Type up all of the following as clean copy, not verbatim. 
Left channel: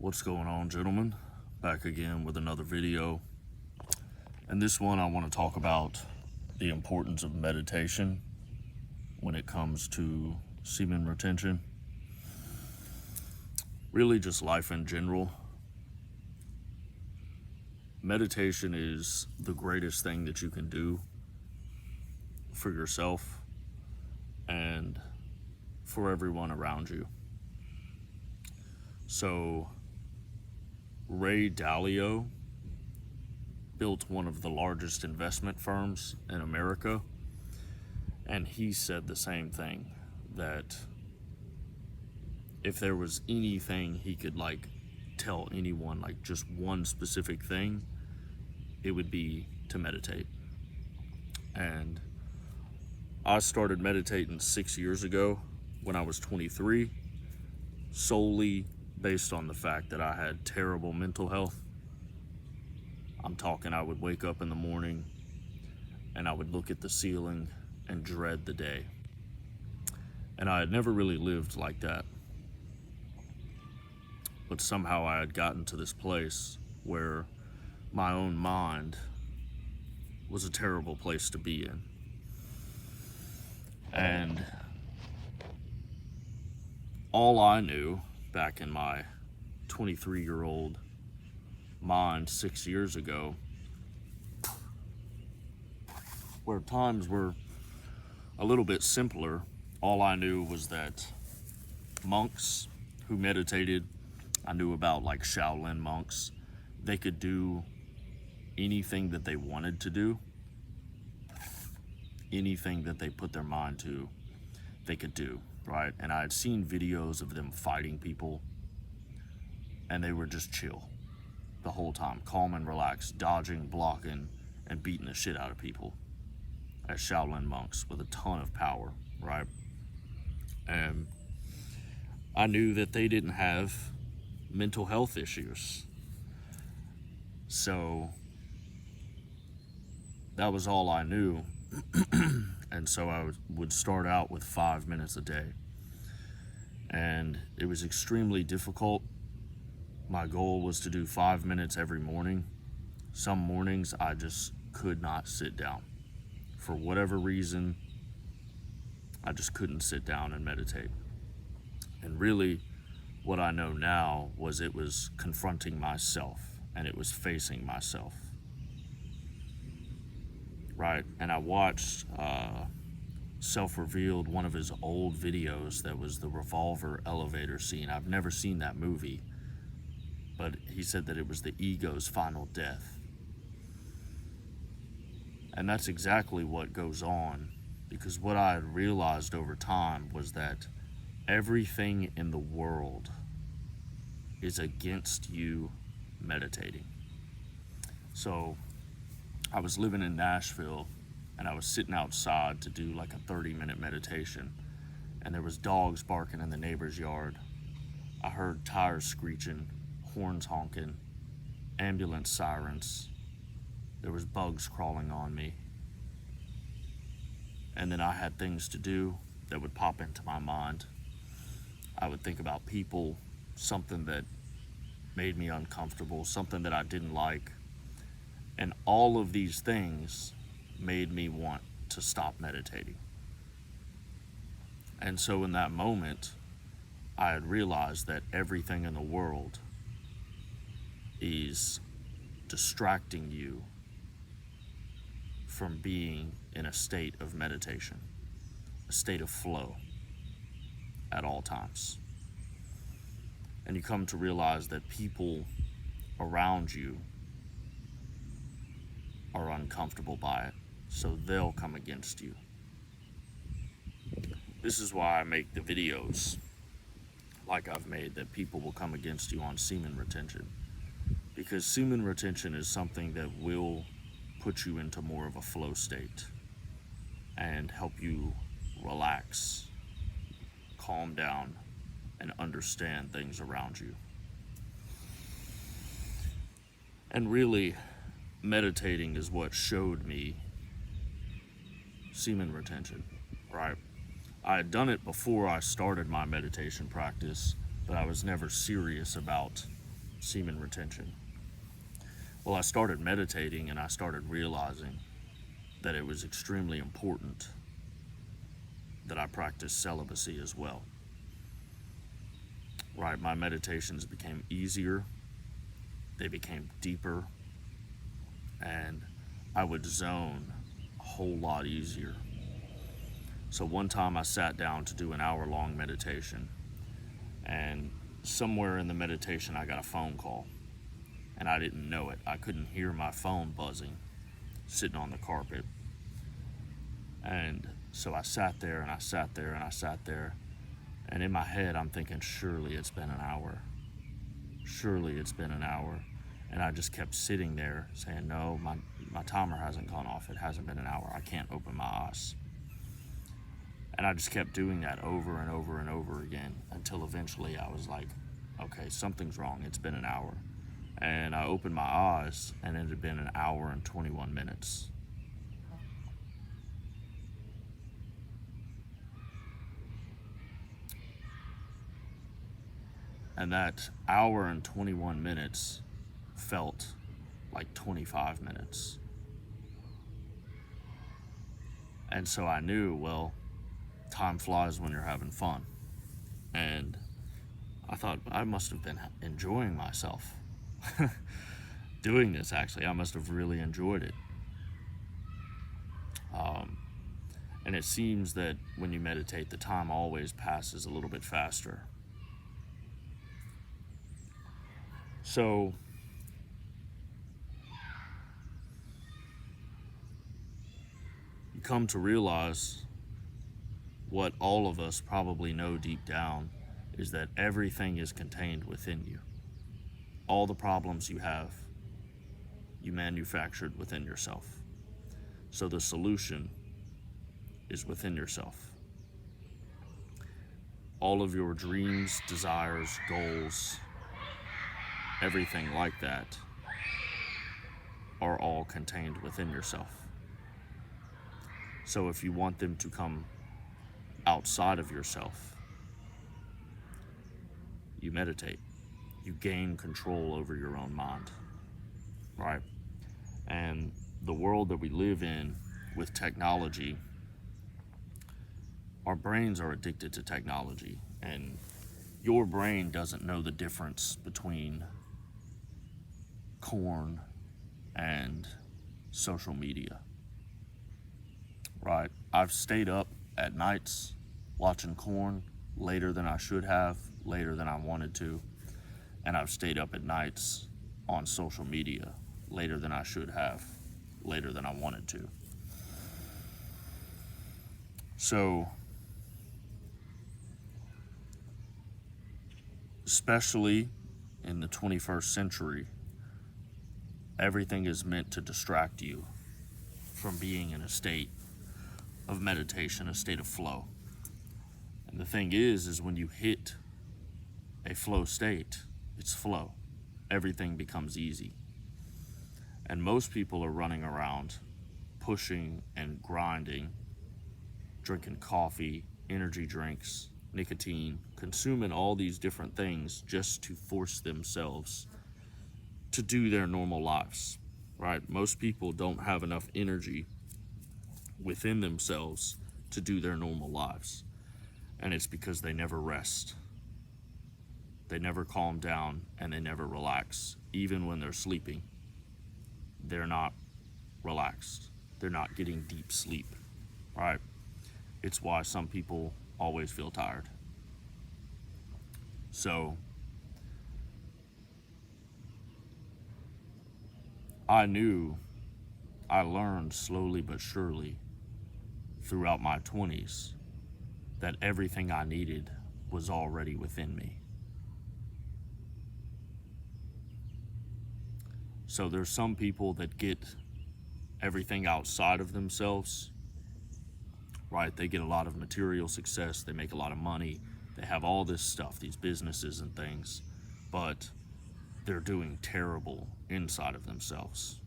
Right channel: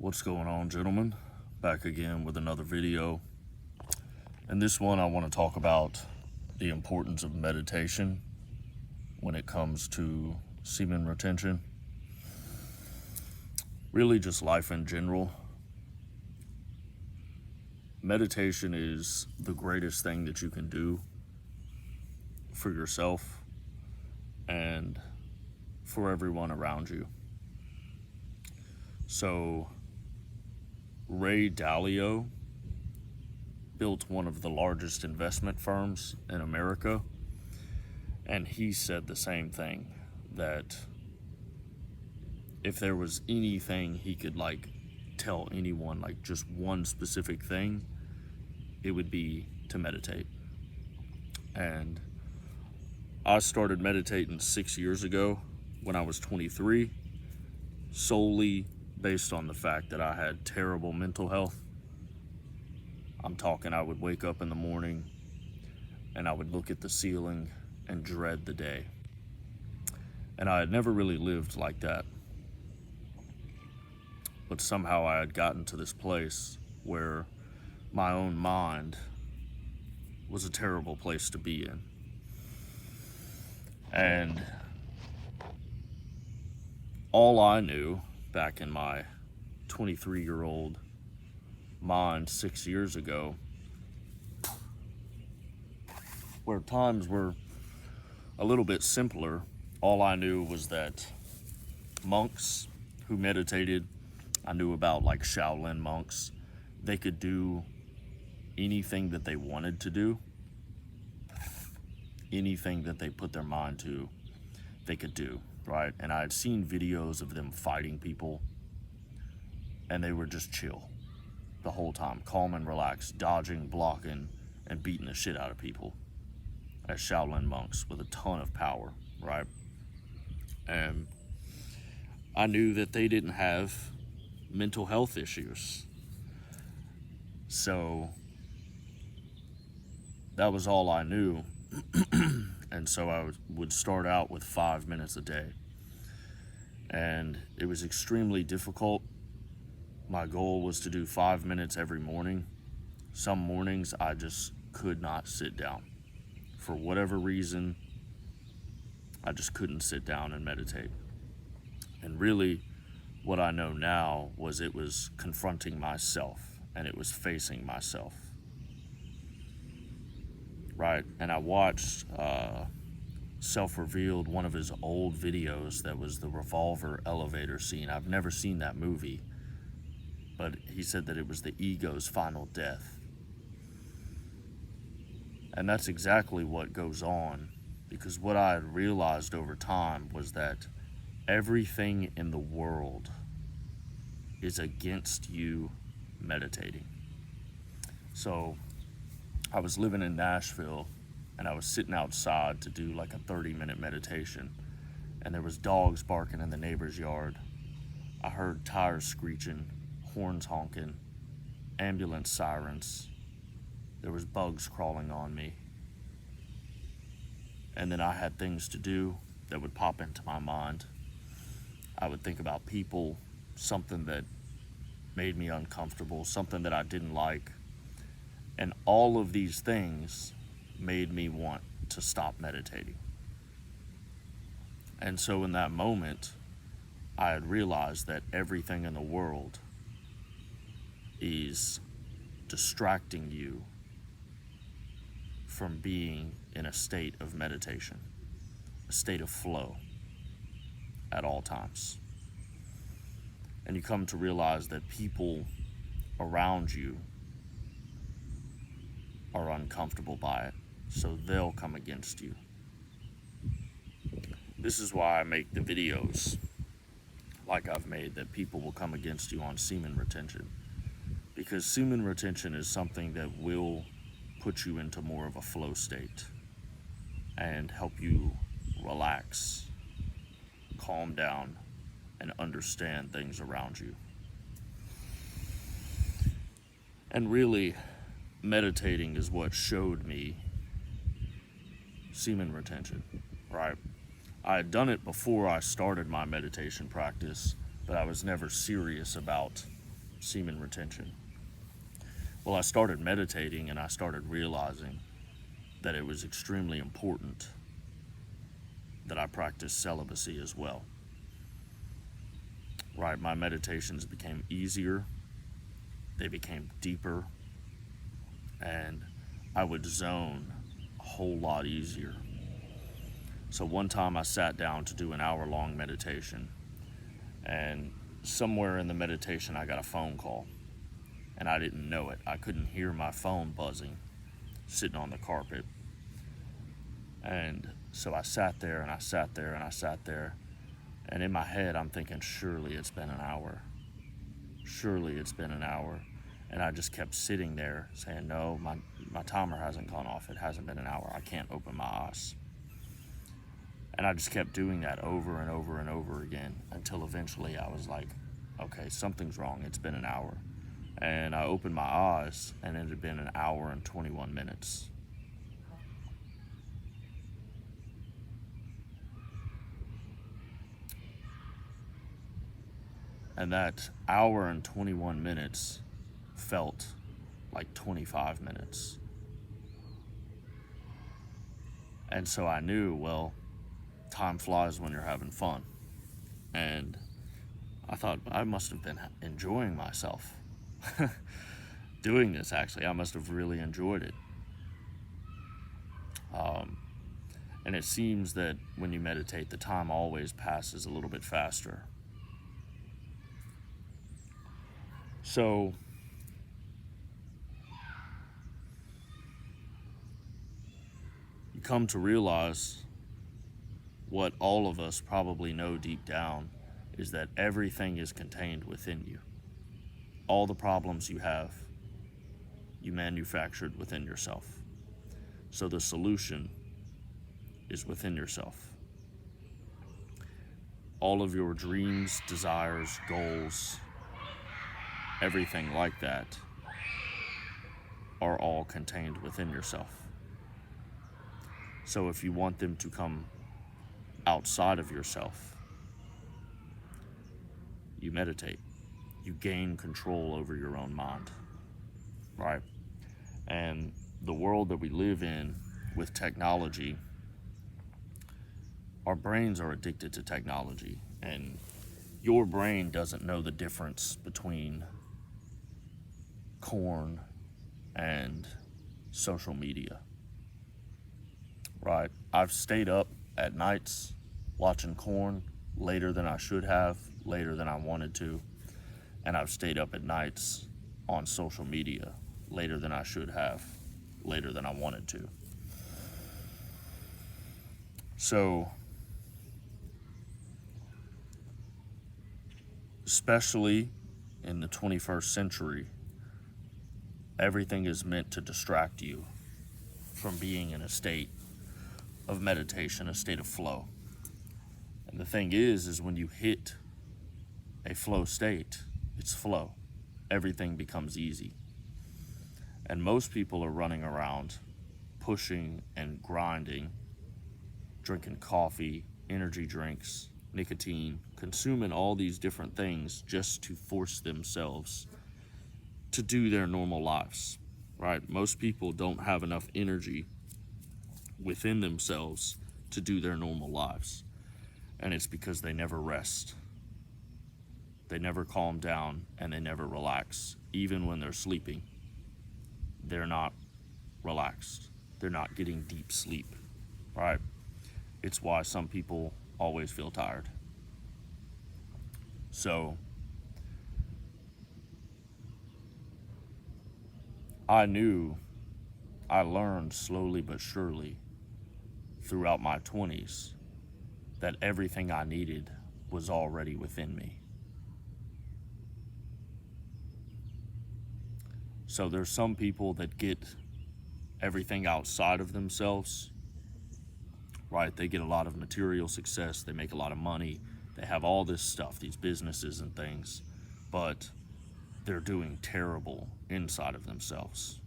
What's going on, gentlemen? Back again with another video. In this one, I want to talk about the importance of meditation when it comes to semen retention. Really just life in general. Meditation is the greatest thing that you can do for yourself and for everyone around you. So, Ray Dalio built one of the largest investment firms in America, and he said the same thing, that if there was anything he could tell anyone, just one specific thing, it would be to meditate. And I started meditating 6 years ago when I was 23, solely based on the fact that I had terrible mental health. I'm talking, I would wake up in the morning and I would look at the ceiling and dread the day. And I had never really lived like that. But somehow I had gotten to this place where my own mind was a terrible place to be in. And all I knew back in my 23-year-old mind 6 years ago, where times were a little bit simpler, all I knew was that monks who meditated, I knew about Shaolin monks, they could do anything that they wanted to do. Anything that they put their mind to, they could do, right? And I had seen videos of them fighting people, and they were just chill the whole time, calm and relaxed, dodging, blocking, and beating the shit out of people as Shaolin monks with a ton of power, right? And I knew that they didn't have mental health issues. So that was all I knew. And so I would start out with 5 minutes a day. And it was extremely difficult. My goal was to do 5 minutes every morning. Some mornings I just could not sit down. For whatever reason, I just couldn't sit down and meditate. And really, what I know now was it was confronting myself, and it was facing myself. Right? And I watched Self-Revealed, one of his old videos that was the revolver elevator scene. I've never seen that movie, but he said that it was the ego's final death. And that's exactly what goes on, because what I had realized over time was that everything in the world is against you meditating. So I was living in Nashville, and I was sitting outside to do a 30-minute meditation, and there was dogs barking in the neighbor's yard. I heard tires screeching, horns honking, ambulance sirens. There was bugs crawling on me. And then I had things to do that would pop into my mind. I would think about people, something that made me uncomfortable, something that I didn't like. And all of these things made me want to stop meditating. And so in that moment, I had realized that everything in the world is distracting you from being in a state of meditation, a state of flow at all times. And you come to realize that people around you are uncomfortable by it, so they'll come against you. This is why I make the videos like I've made, that people will come against you on semen retention. Because semen retention is something that will put you into more of a flow state and help you relax, calm down, and understand things around you. And really, meditating is what showed me semen retention, right? I had done it before I started my meditation practice, but I was never serious about semen retention. Well, I started meditating and I started realizing that it was extremely important that I practice celibacy as well. Right, my meditations became easier, they became deeper, and I would zone a whole lot easier. So one time I sat down to do an hour-long meditation, and somewhere in the meditation I got a phone call, and I didn't know it. I couldn't hear my phone buzzing, sitting on the carpet. And so I sat there, and I sat there, and I sat there, and in my head I'm thinking, surely it's been an hour. Surely it's been an hour. And I just kept sitting there saying, no, my timer hasn't gone off. It hasn't been an hour. I can't open my eyes. And I just kept doing that over and over and over again until eventually I was like, okay, something's wrong. It's been an hour. And I opened my eyes, and it had been an hour and 21 minutes. And that hour and 21 minutes felt like 25 minutes. And so I knew, well, time flies when you're having fun. And I thought I must have been enjoying myself doing this, actually. I must have really enjoyed it. And it seems that when you meditate, the time always passes a little bit faster. So you come to realize what all of us probably know deep down is that everything is contained within you. All the problems you have, you manufactured within yourself. So the solution is within yourself. All of your dreams, desires, goals, everything like that are all contained within yourself. So if you want them to come outside of yourself, you meditate. You gain control over your own mind, right? And the world that we live in with technology, our brains are addicted to technology, and your brain doesn't know the difference between corn and social media, right? I've stayed up at nights watching corn later than I should have, later than I wanted to, and I've stayed up at nights on social media later than I should have, later than I wanted to. So, especially in the 21st century, everything is meant to distract you from being in a state of meditation, a state of flow. And the thing is when you hit a flow state, it's flow. Everything becomes easy. And most people are running around pushing and grinding, drinking coffee, energy drinks, nicotine, consuming all these different things just to force themselves to do their normal lives, right? Most people don't have enough energy within themselves to do their normal lives. And it's because they never rest. They never calm down, and they never relax. Even when they're sleeping, they're not relaxed. They're not getting deep sleep, right? It's why some people always feel tired. So I learned slowly but surely throughout my 20s that everything I needed was already within me. So there's some people that get everything outside of themselves, right? They get a lot of material success, they make a lot of money, they have all this stuff, these businesses and things, but they're doing terrible inside of themselves.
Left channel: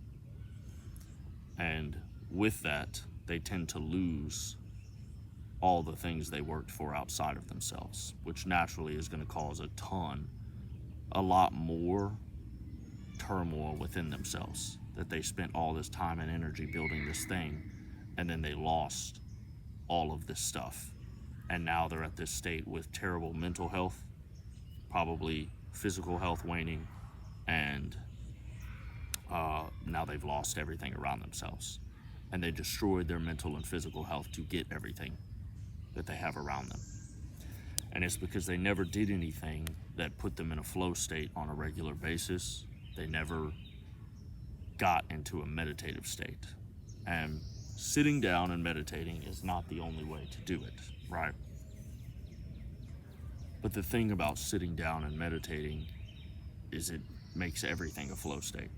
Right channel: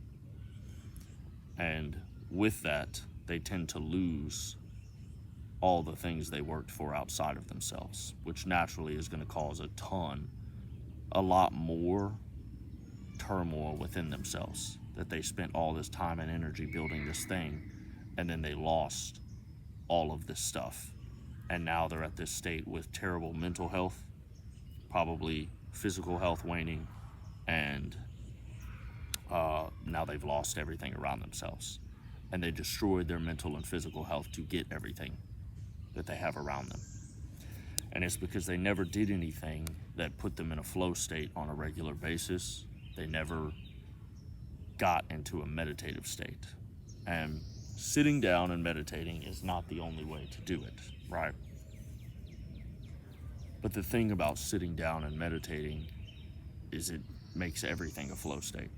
And with that, they tend to lose all the things they worked for outside of themselves, which naturally is going to cause a ton a lot more turmoil within themselves, that they spent all this time and energy building this thing, and then they lost all of this stuff. And now they're at this state with terrible mental health, probably physical health waning, and now they've lost everything around themselves. And they destroyed their mental and physical health to get everything that they have around them. And it's because they never did anything that put them in a flow state on a regular basis. They never got into a meditative state. And sitting down and meditating is not the only way to do it, right? But the thing about sitting down and meditating is it makes everything a flow state,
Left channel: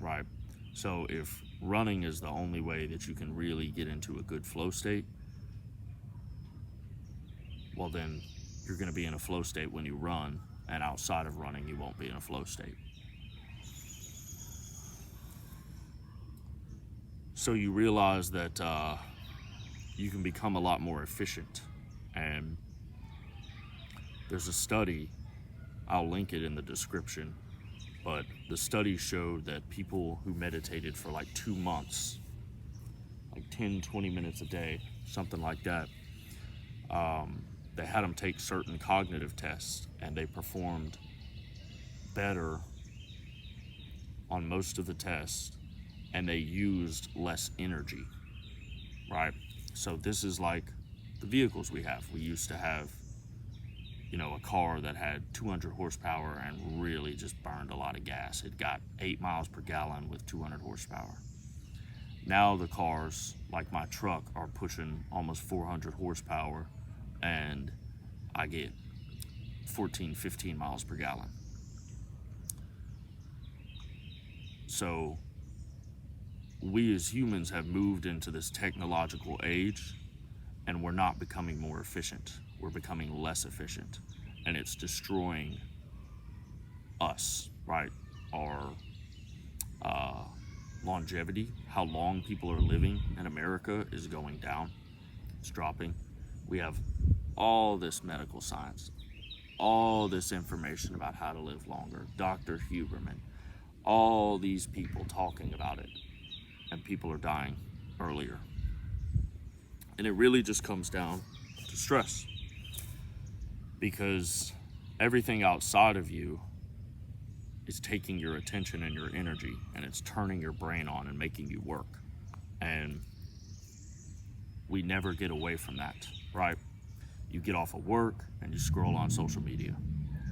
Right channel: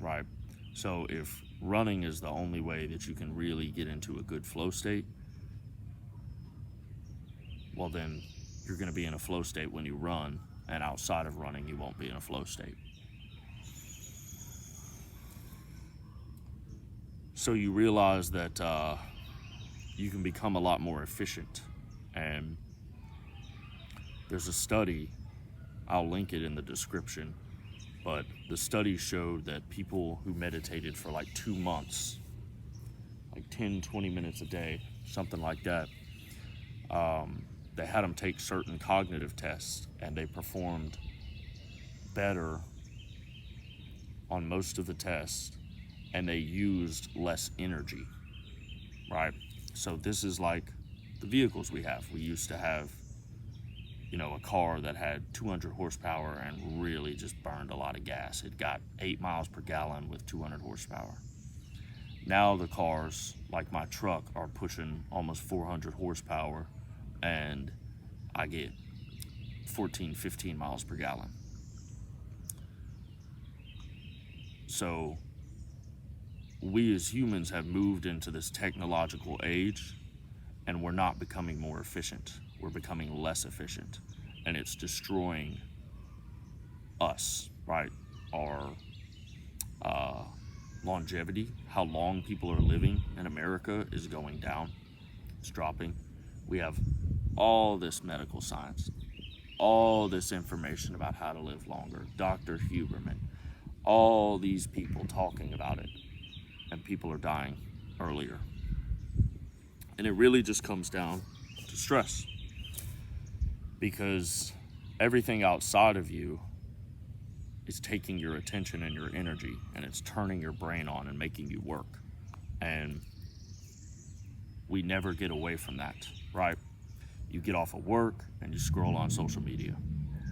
right? So if running is the only way that you can really get into a good flow state, well then you're going to be in a flow state when you run, and outside of running you won't be in a flow state. So you realize that you can become a lot more efficient. And there's a study, I'll link it in the description, but the study showed that people who meditated for like 2 months, like 10, 20 minutes a day, something like that, they had them take certain cognitive tests, and they performed better on most of the tests, and they used less energy, right? So this is like the vehicles we have. We used to have, a car that had 200 horsepower and really just burned a lot of gas. It got 8 miles per gallon with 200 horsepower. Now the cars, like my truck, are pushing almost 400 horsepower, and I get 14, 15 miles per gallon. So we as humans have moved into this technological age, and we're not becoming more efficient. We're becoming less efficient, and it's destroying us, right? Our longevity, how long people are living in America is going down. It's dropping. We have all this medical science, all this information about how to live longer. Dr. Huberman, all these people talking about it, and people are dying earlier. And it really just comes down to stress, because everything outside of you is taking your attention and your energy, and it's turning your brain on and making you work. And we never get away from that, right? You get off of work and you scroll on social media,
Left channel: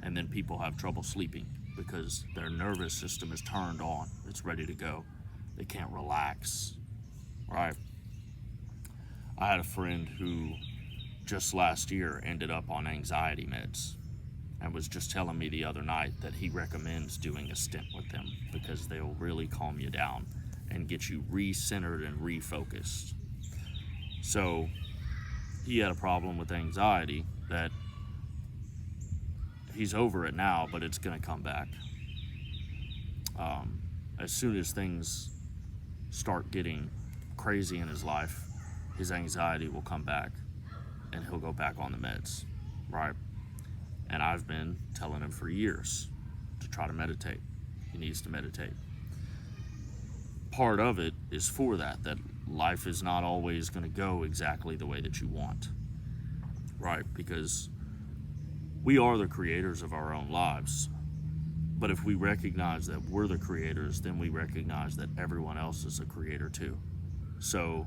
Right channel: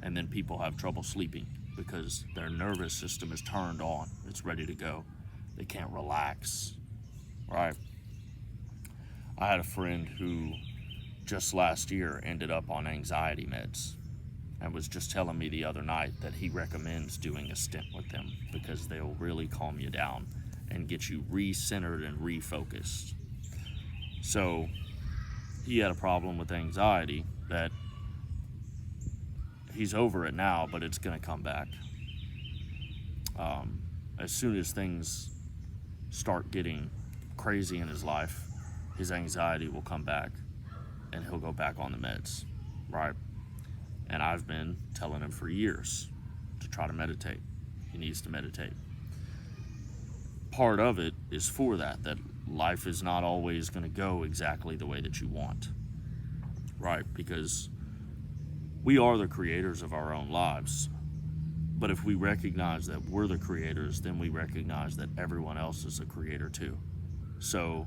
and then people have trouble sleeping because their nervous system is turned on. It's ready to go. They can't relax, right? I had a friend who just last year ended up on anxiety meds, and was just telling me the other night that he recommends doing a stint with them because they'll really calm you down and get you re-centered and refocused. So he had a problem with anxiety that he's over it now, but it's going to come back. As soon as things start getting crazy in his life, his anxiety will come back and he'll go back on the meds, right? And I've been telling him for years to try to meditate. He needs to meditate. Part of it is for that life is not always going to go exactly the way that you want, right? Because we are the creators of our own lives. But if we recognize that we're the creators, then we recognize that everyone else is a creator too. So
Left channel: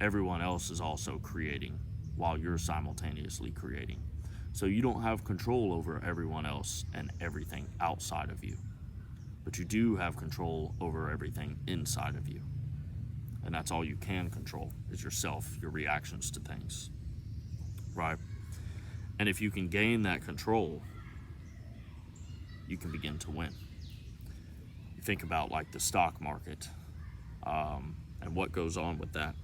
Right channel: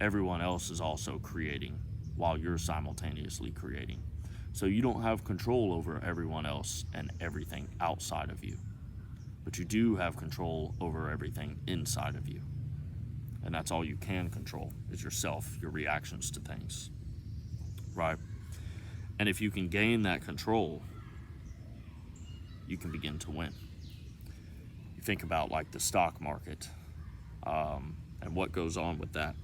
everyone else is also creating while you're simultaneously creating. So you don't have control over everyone else and everything outside of you. But you do have control over everything inside of you. And that's all you can control, is yourself, your reactions to things, right? And if you can gain that control, you can begin to win. Think about like the stock market and what goes on with that.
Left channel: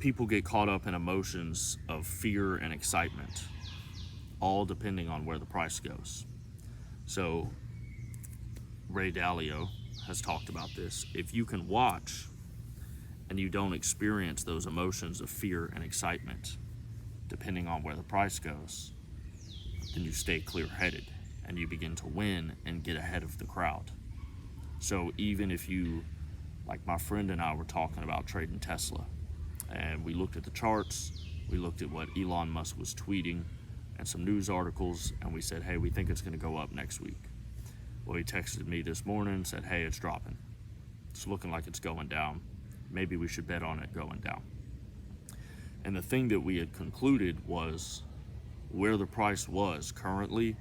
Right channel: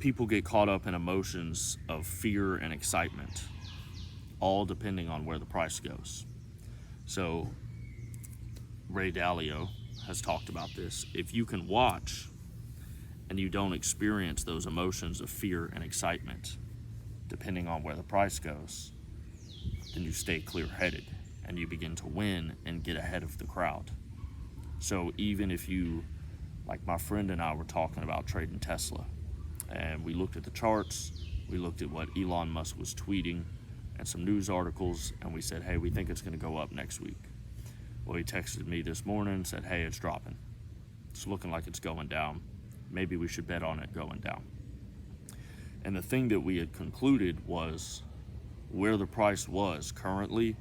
People get caught up in emotions of fear and excitement, all depending on where the price goes. So Ray Dalio has talked about this. If you can watch and you don't experience those emotions of fear and excitement, depending on where the price goes, then you stay clear-headed and you begin to win and get ahead of the crowd. So even if you, like my friend and I were talking about trading Tesla, and we looked at the charts, we looked at what Elon Musk was tweeting and some news articles, and we said, hey, we think it's going to go up next week. Well, he texted me this morning and said, hey, it's dropping. It's looking like it's going down. Maybe we should bet on it going down. And the thing that we had concluded was where the price was currently,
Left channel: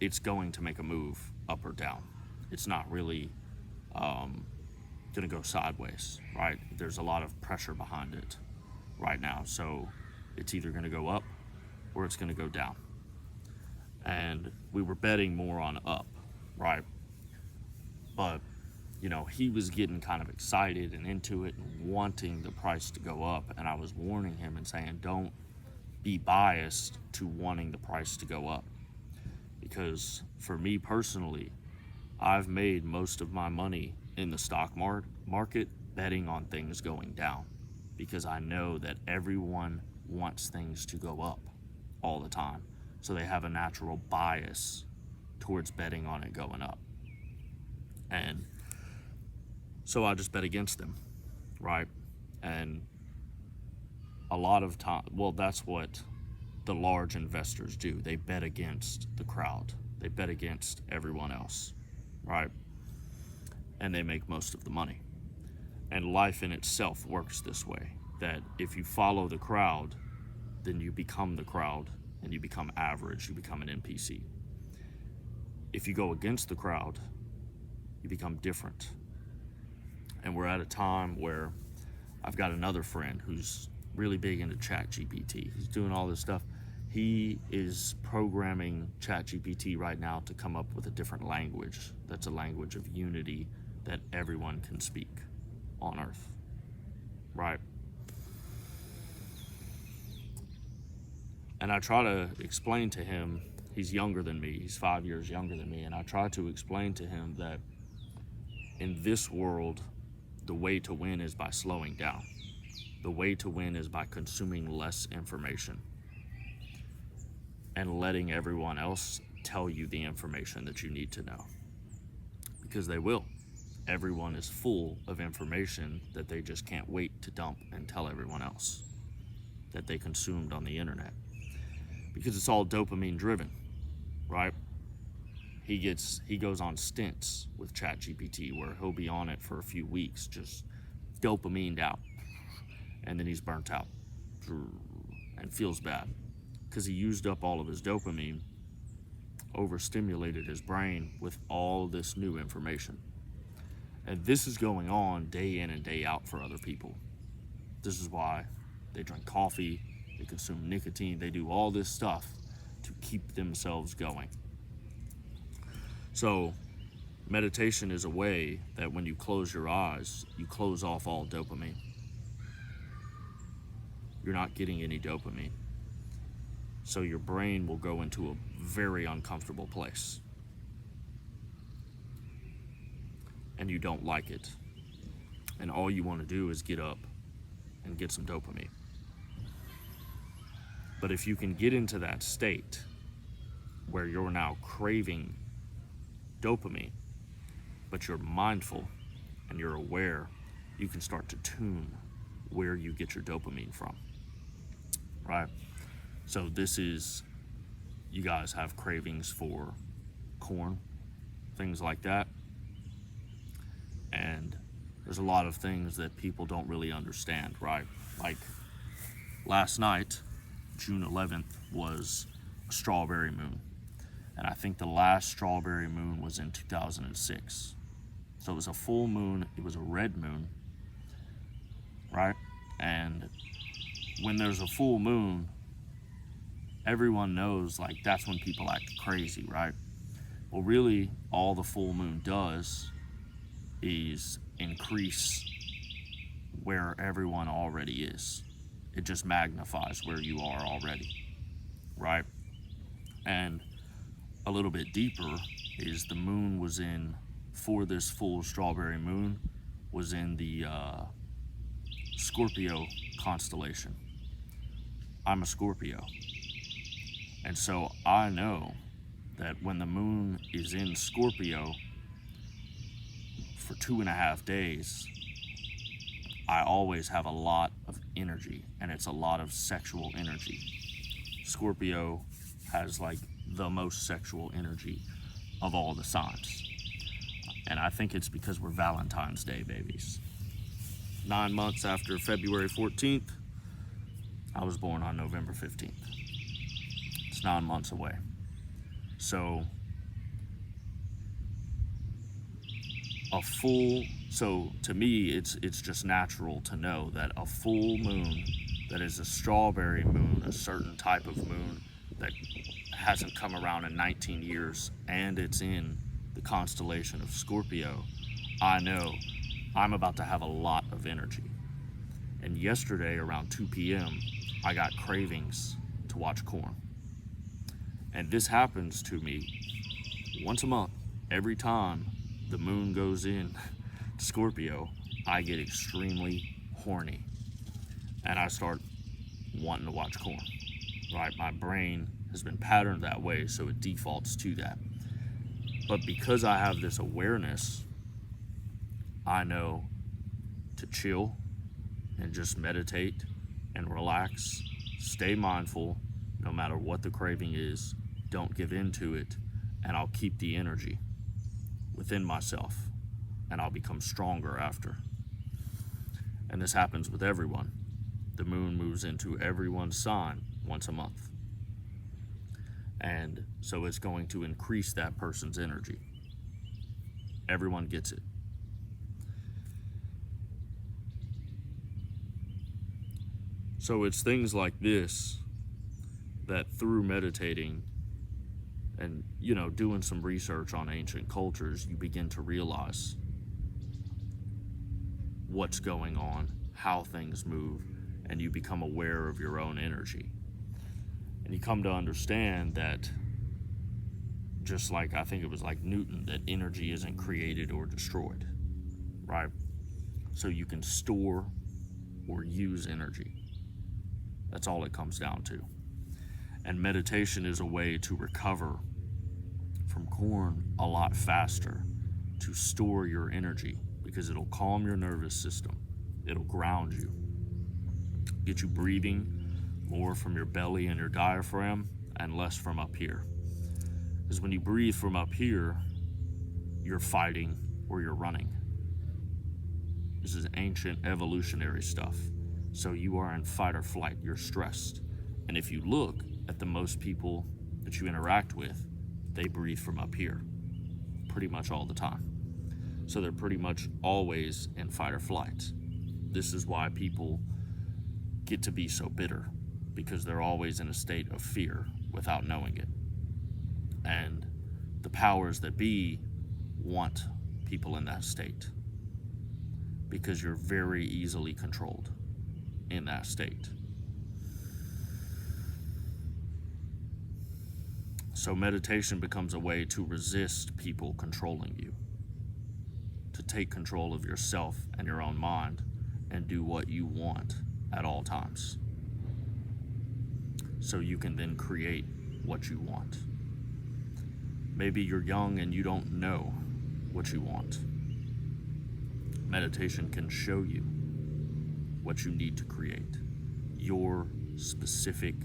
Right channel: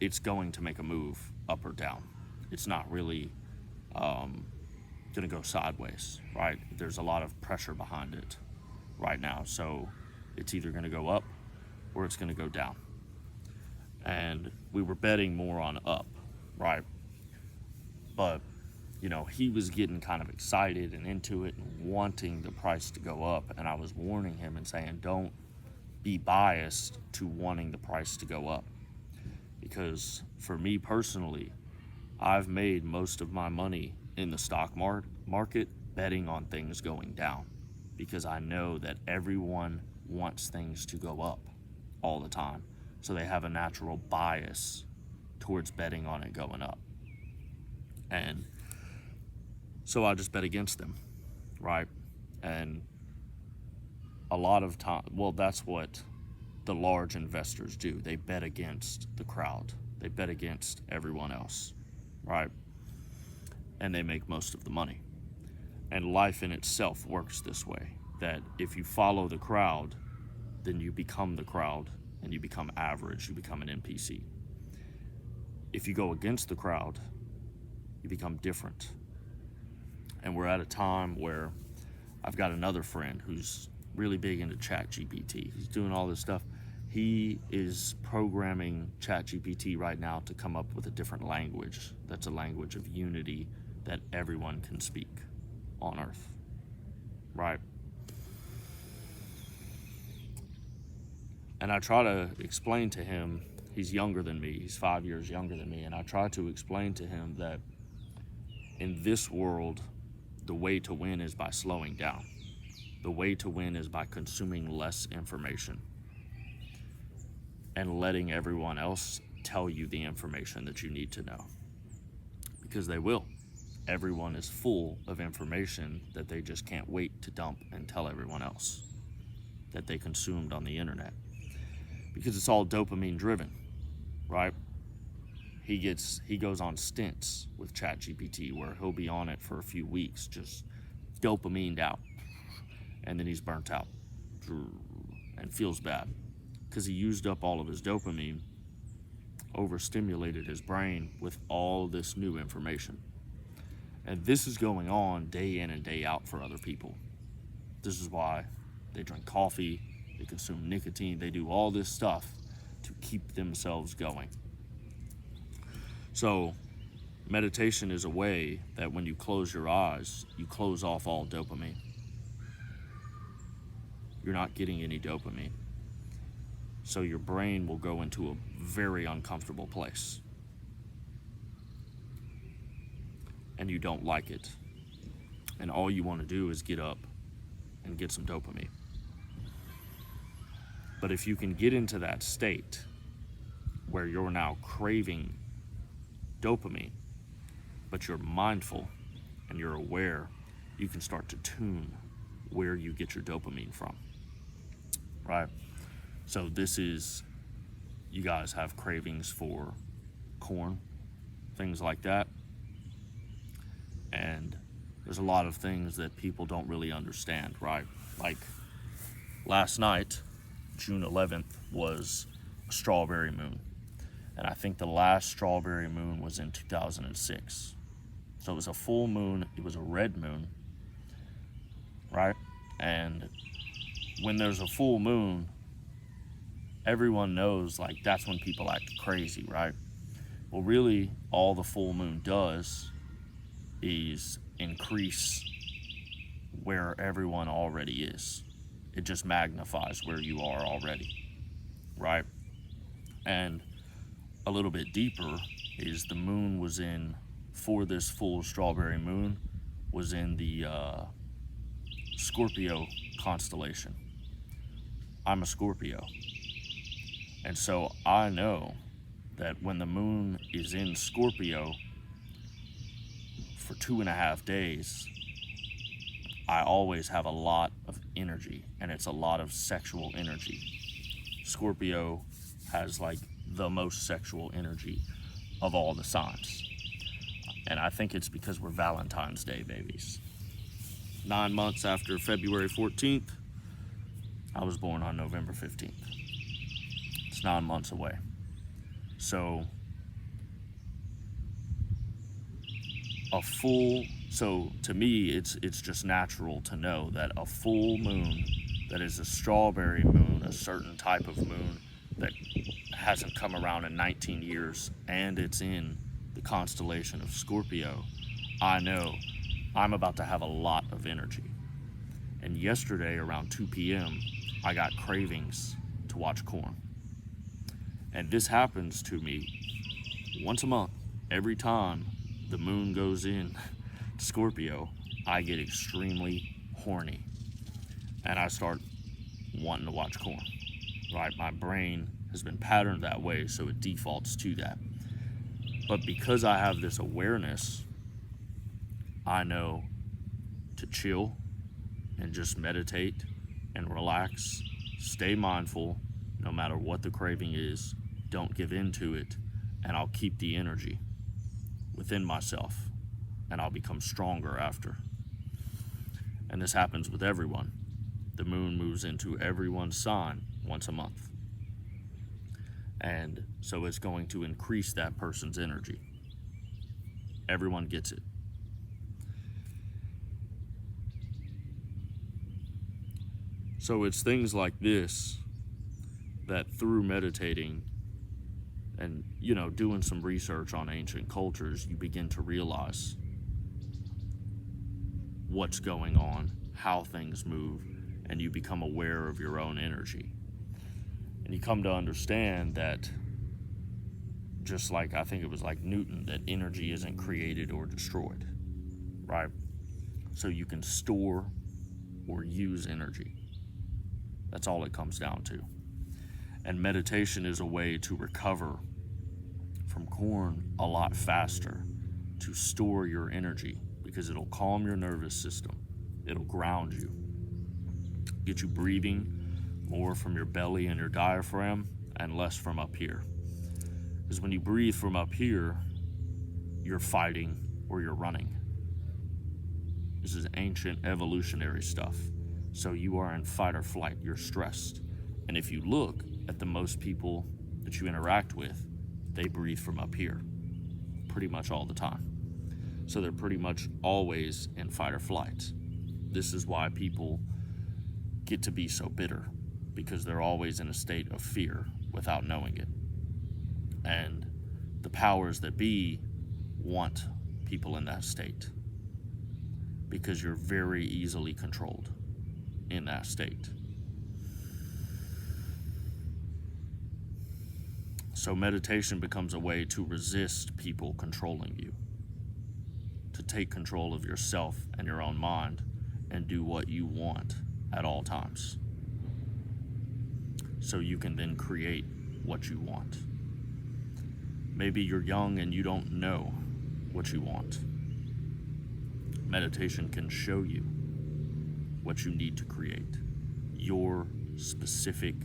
it's going to make a move up or down. It's not really going to go sideways, right? There's a lot of pressure behind it right now. So it's either going to go up or it's going to go down. And we were betting more on up, right? But, you know, he was getting kind of excited and into it and wanting the price to go up. And I was warning him and saying, don't be biased to wanting the price to go up. Because for me personally, I've made most of my money in the stock market betting on things going down, because I know that everyone wants things to go up all the time. So they have a natural bias towards betting on it going up. And so I just bet against them, right? And a lot of time, well, that's what the large investors do. They bet against the crowd. They bet against everyone else, right? And they make most of the money. And life in itself works this way, that if you follow the crowd, then you become the crowd and you become average, you become an NPC. If you go against the crowd, you become different. And we're at a time where I've got another friend who's really big into ChatGPT. He's doing all this stuff. He is programming ChatGPT right now to come up with a different language that's a language of unity that everyone can speak on Earth, right? And I try to explain to him, he's younger than me, he's 5 years younger than me, and I try to explain to him that in this world, the way to win is by slowing down. The way to win is by consuming less information and letting everyone else tell you the information that you need to know. Because they will. Everyone is full of information that they just can't wait to dump and tell everyone else that they consumed on the internet. Because it's all dopamine driven, right? He goes on stints with ChatGPT where he'll be on it for a few weeks, just dopamined out. And then he's burnt out and feels bad because he used up all of his dopamine, overstimulated his brain with all this new information. And this is going on day in and day out for other people. This is why they drink coffee, they consume nicotine, they do all this stuff to keep themselves going. So meditation is a way that when you close your eyes, you close off all dopamine. You're not getting any dopamine. So your brain will go into a very uncomfortable place. And you don't like it. And all you want to do is get up and get some dopamine. But if you can get into that state where you're now craving dopamine, but you're mindful and you're aware, you can start to tune where you get your dopamine from, right? So this is, you guys have cravings for corn, things like that. And there's a lot of things that people don't really understand, right? Like last night, June 11th, was a strawberry moon. And I think the last strawberry moon was in 2006. So it was a full moon, it was a red moon, right? And when there's a full moon, everyone knows, like, that's when people act crazy, right? Well, really, all the full moon does is increase where everyone already is. It just magnifies where you are already, right? And a little bit deeper is the moon was in, for this full strawberry moon, was in the Scorpio constellation. I'm a Scorpio. And so I know that when the moon is in Scorpio for 2.5 days, I always have a lot of energy, and it's a lot of sexual energy. Scorpio has like the most sexual energy of all the signs. And I think it's because we're Valentine's Day babies. 9 months after February 14th, I was born on November 15th. It's 9 months away. So to me, it's just natural to know that a full moon that is a strawberry moon, a certain type of moon that hasn't come around in 19 years, and it's in the constellation of Scorpio, I know I'm about to have a lot of energy. And yesterday around 2 p.m., I got cravings to watch corn. And this happens to me once a month. Every time the moon goes in Scorpio, I get extremely horny. And I start wanting to watch corn. Right? My brain has been patterned that way, so it defaults to that. But because I have this awareness, I know to chill and just meditate and relax, stay mindful, no matter what the craving is, don't give in to it, and I'll keep the energy within myself, and I'll become stronger after. And this happens with everyone. The moon moves into everyone's sign once a month. And so it's going to increase that person's energy. Everyone gets it. So it's things like this that through meditating and, doing some research on ancient cultures, you begin to realize what's going on, how things move, and you become aware of your own energy. And you come to understand that, just like I think it was like Newton, that energy isn't created or destroyed, right? So you can store or use energy. That's all it comes down to. And meditation is a way to recover from corn a lot faster, to store your energy, because it'll calm your nervous system. It'll ground you, get you breathing more from your belly and your diaphragm and less from up here. Because when you breathe from up here, you're fighting or you're running. This is ancient evolutionary stuff. So you are in fight or flight, you're stressed. And if you look at the most people that you interact with, they breathe from up here pretty much all the time. So they're pretty much always in fight or flight. This is why people get to be so bitter, because they're always in a state of fear without knowing it. And the powers that be want people in that state, because you're very easily controlled in that state. So meditation becomes a way to resist people controlling you, to take control of yourself and your own mind and do what you want at all times, so you can then create what you want. Maybe you're young and you don't know what you want. Meditation can show you what you need to create, your specific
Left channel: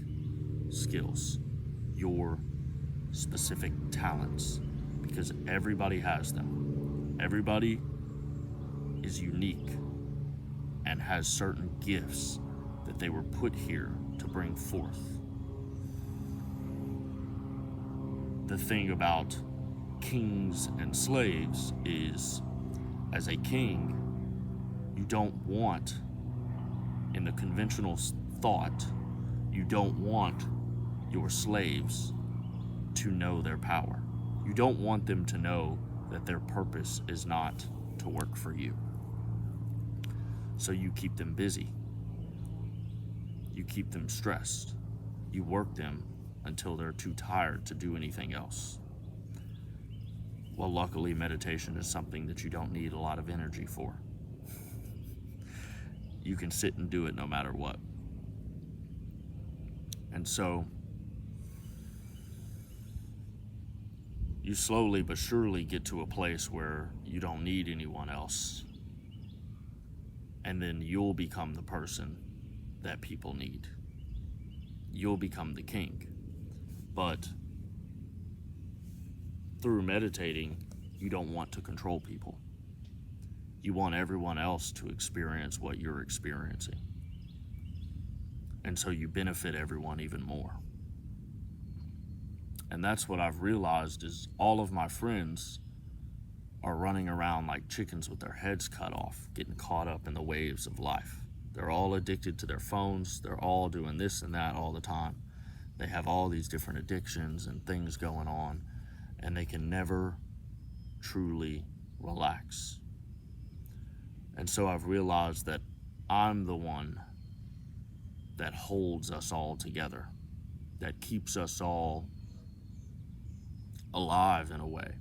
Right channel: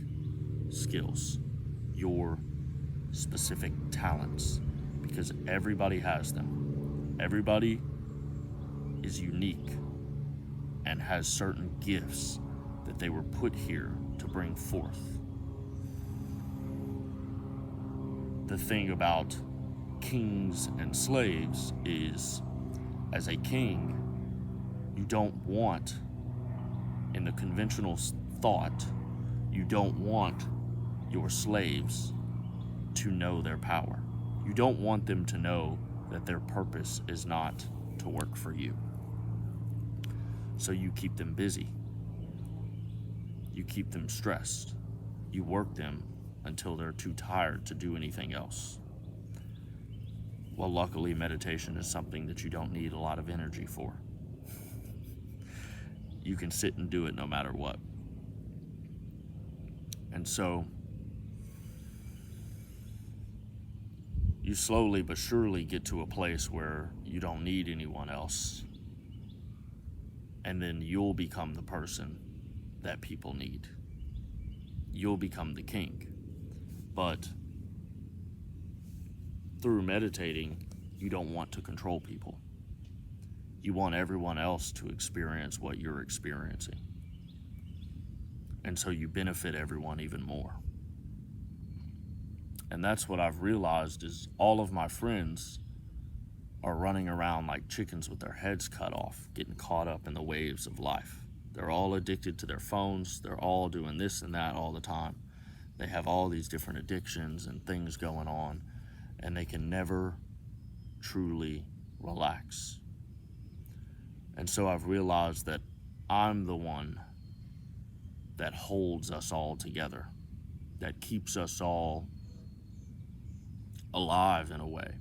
skills, your specific talents, because everybody has them. Everybody is unique and has certain gifts that they were put here to bring forth. The thing about kings and slaves is, as a king, you don't want, in the conventional thought, you don't want your slaves to know their power. You don't want them to know that their purpose is not to work for you. So you keep them busy. You keep them stressed. You work them until they're too tired to do anything else. Well, luckily, meditation is something that you don't need a lot of energy for. You can sit and do it no matter what. And so you slowly but surely get to a place where you don't need anyone else. And then you'll become the person that people need. You'll become the king. But through meditating, you don't want to control people. You want everyone else to experience what you're experiencing. And so you benefit everyone even more. And that's what I've realized is all of my friends are running around like chickens with their heads cut off, getting caught up in the waves of life. They're all addicted to their phones. They're all doing this and that all the time. They have all these different addictions and things going on, and they can never truly relax. And so I've realized that I'm the one that holds us all together, that keeps us all alive in a way,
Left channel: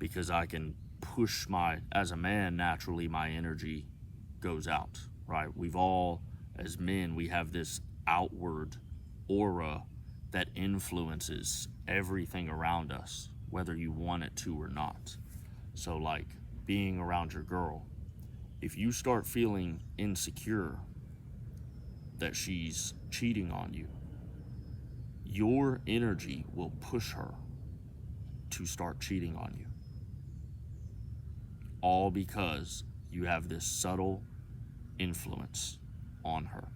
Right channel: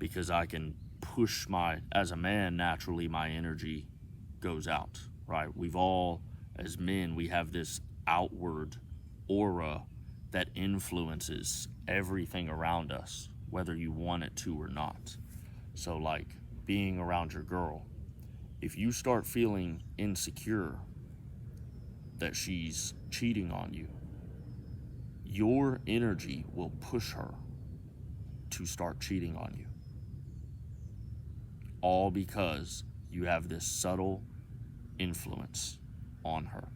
because I can push as a man, naturally my energy goes out, right? We've all, as men, we have this outward aura that influences everything around us, whether you want it to or not. So like being around your girl, if you start feeling insecure that she's cheating on you, your energy will push her to start cheating on you. All because you have this subtle influence on her.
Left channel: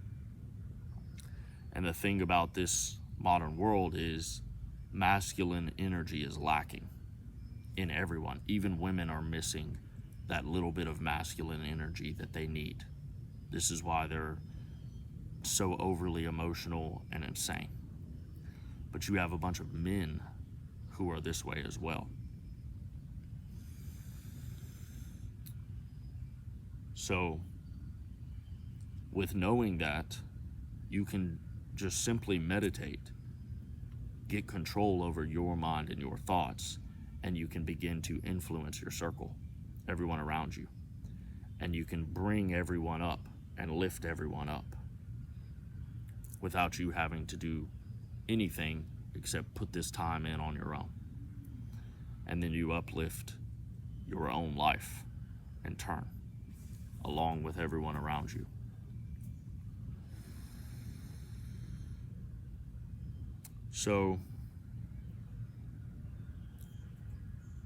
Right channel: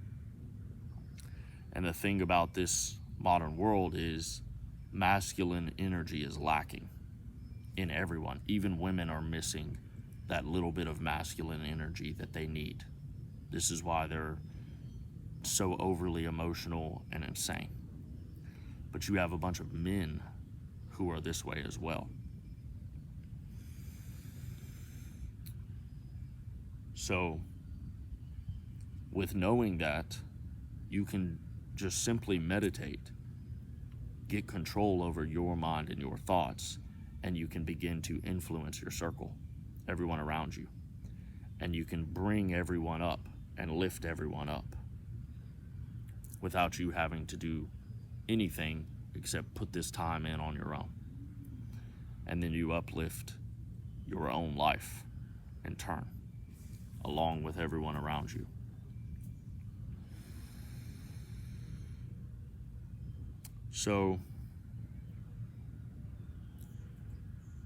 And the thing about this modern world is masculine energy is lacking in everyone. Even women are missing that little bit of masculine energy that they need. This is why they're so overly emotional and insane. But you have a bunch of men who are this way as well. So, with knowing that, you can just simply meditate, get control over your mind and your thoughts, and you can begin to influence your circle, everyone around you. And you can bring everyone up and lift everyone up without you having to do anything except put this time in on your own. And then you uplift your own life in turn, along with everyone around you. So,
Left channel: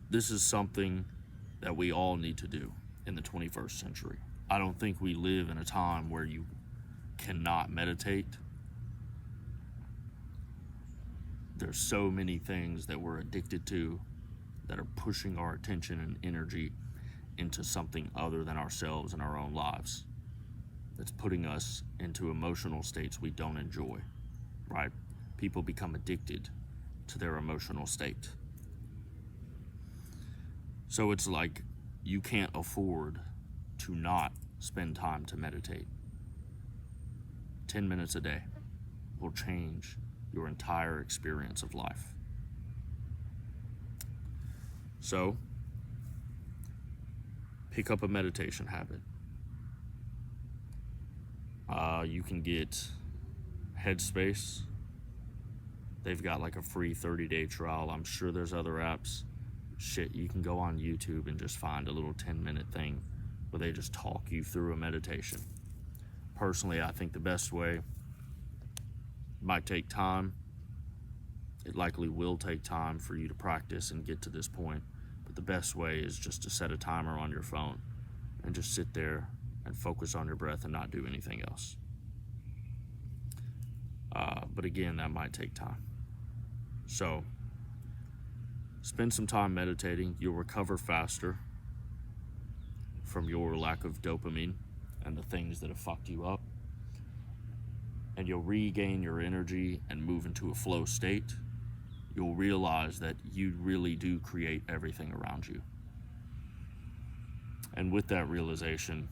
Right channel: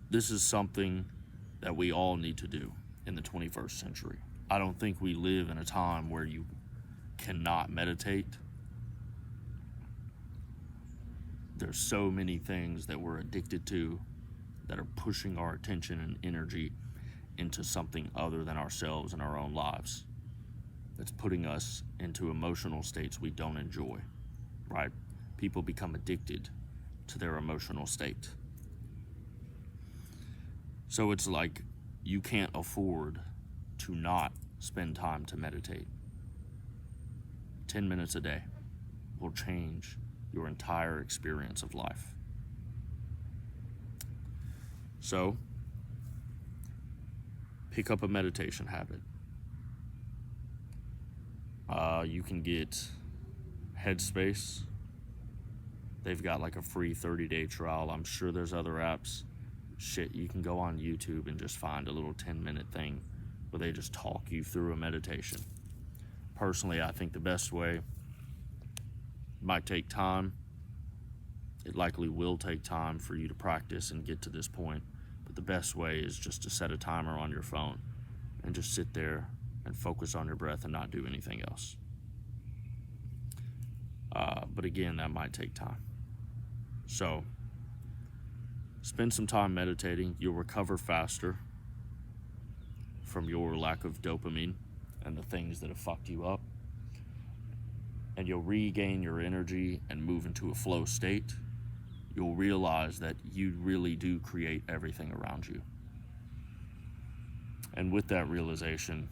this is something that we all need to do in the 21st century. I don't think we live in a time where you cannot meditate. There's so many things that we're addicted to that are pushing our attention and energy into something other than ourselves and our own lives. It's putting us into emotional states we don't enjoy, right? People become addicted to their emotional state. So it's like you can't afford to not spend time to meditate. 10 minutes a day will change your entire experience of life. So, pick up a meditation habit. You can get Headspace. They've got like a free 30-day trial. I'm sure there's other apps. Shit, you can go on YouTube and just find a little 10-minute thing where they just talk you through a meditation. Personally, I think the best way might take time. It likely will take time for you to practice and get to this point. But the best way is just to set a timer on your phone and just sit there and focus on your breath and not do anything else. But again, that might take time. So, spend some time meditating. You'll recover faster from your lack of dopamine and the things that have fucked you up. And you'll regain your energy and move into a flow state. You'll realize that you really do create everything around you. And with that realization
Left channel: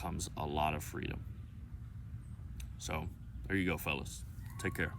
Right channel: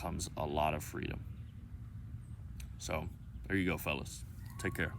comes a lot of freedom. So, there you go, fellas. Take care.